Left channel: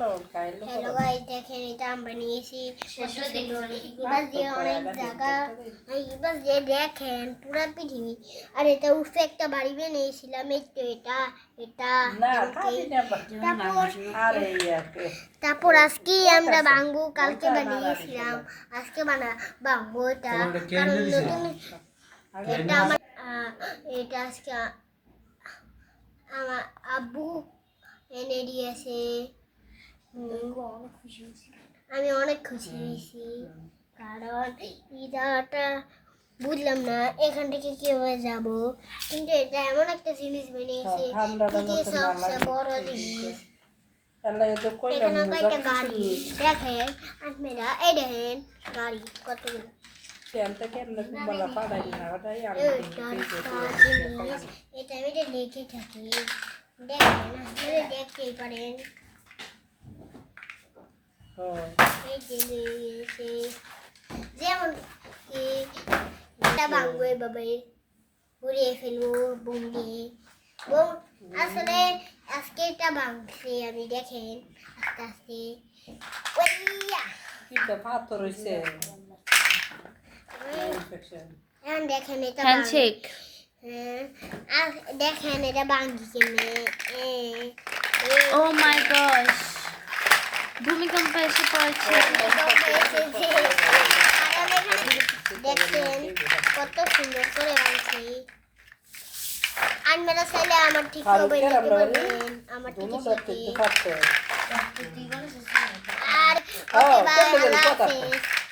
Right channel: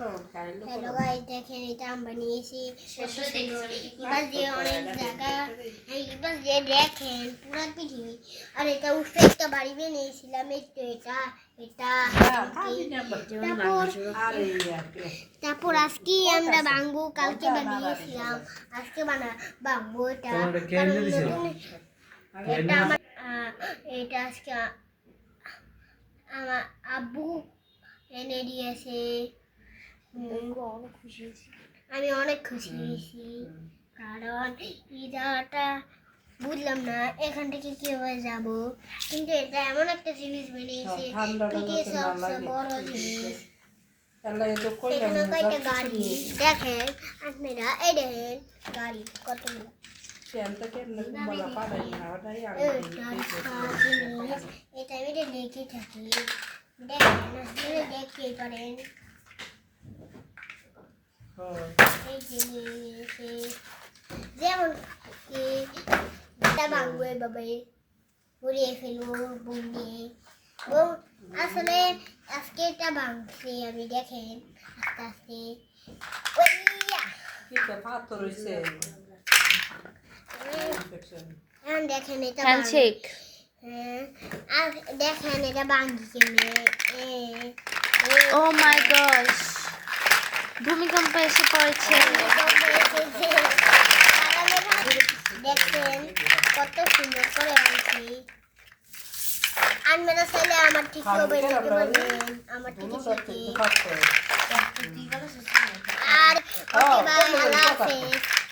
Hello guys, দেখেন এটা আমরা নিয়েছি। এবার যে অনেক জায়গা, এবার যে দেখেন পুরো পৃথিবী। আর এটা উঠে একটা বাড়ি বানিয়েছিলাম। এই তো এটা এটা তারপর আজকে আমরা ভাঙবো। কালকে বানিয়েছিলাম, আজকে ভাঙবো এটা। এটা আমার এটা আজকে আমার আব্বু এনে দিয়েছে। আমি অনেক খুশি হয়েছি, কারণ ইদাটা বুঝলাম না এখান থেকে কিভাবে যাব, কিন্তু এটা এমন একটা জিনিস বানিয়েছে, সবচেয়ে বড় জিনিস। এখানে কয়েকটা গাড়ি দেখেন আপনারা, এই দেখেন গাড়ি কতগুলো। এটা আমি লেগে থাকি, দেখেন আপনারা দেখতেই পারেন। যেমন এটা ভাঙবো, এভাবে ঘুরিয়ে ফেলবো বোম দিয়ে। আসলে আজকে এটা ভাঙছে আমি, দেখেন আস্তে আস্তে। এখন দেখেন এটা দেখেন এটা ভাঙি কেমনে। ও মাই গড, ভূমিকম্প এসে পড়েছে। দেখছেন কত সুন্দর করে আনছি। আপনারা চাইলে আমার ঠিক হবে নিতে পারবেন, আমার ঠিক আছে। আর